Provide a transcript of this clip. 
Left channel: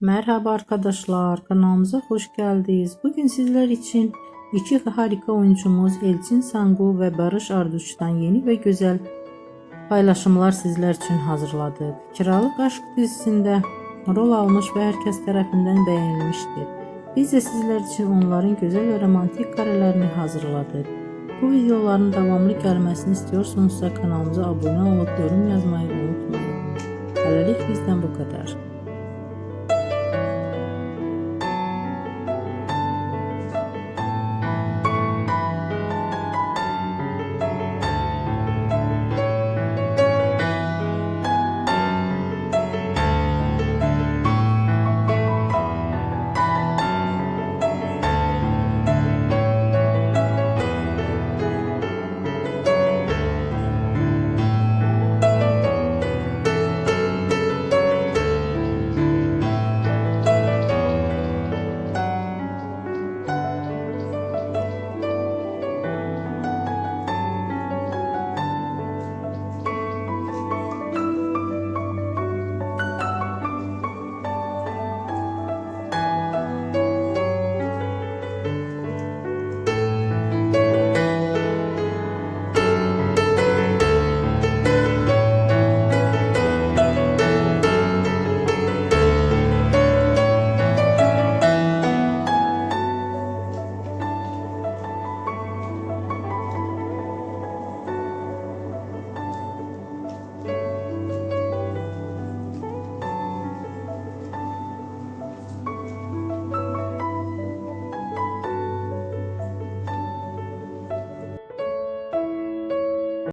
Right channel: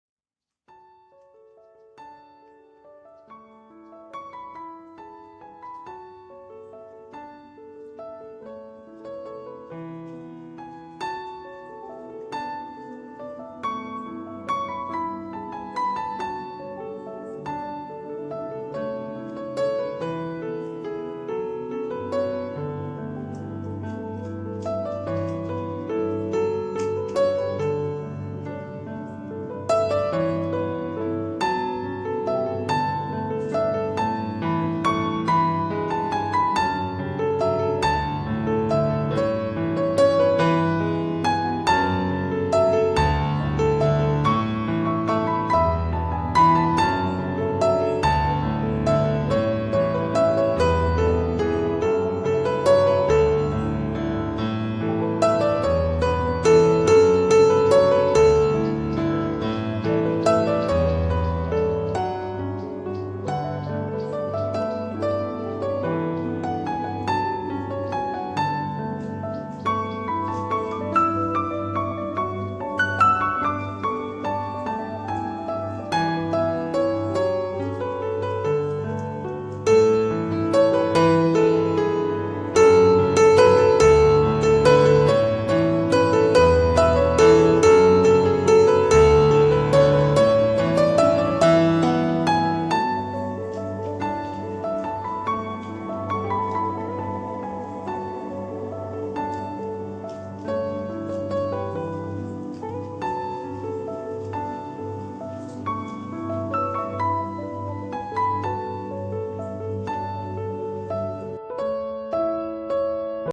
Merhaba arkadaşlar, kanalımıza hoş geldiniz. Bugün sizler için iki harika oyuncumuz Elçin Sangu ve Barış Arduç'tan yeni ve güzel paylaşımlar sizler için hazırladık. Kiralık Aşk dizisinde rol almış ve herkes tarafından beğenilmiştir. Biz de sizler için onların güzel ve romantik karelerini hazırladık. Bu videoların devamlı gelmesini istiyorsanız kanalımıza abone olup yorum yazmayı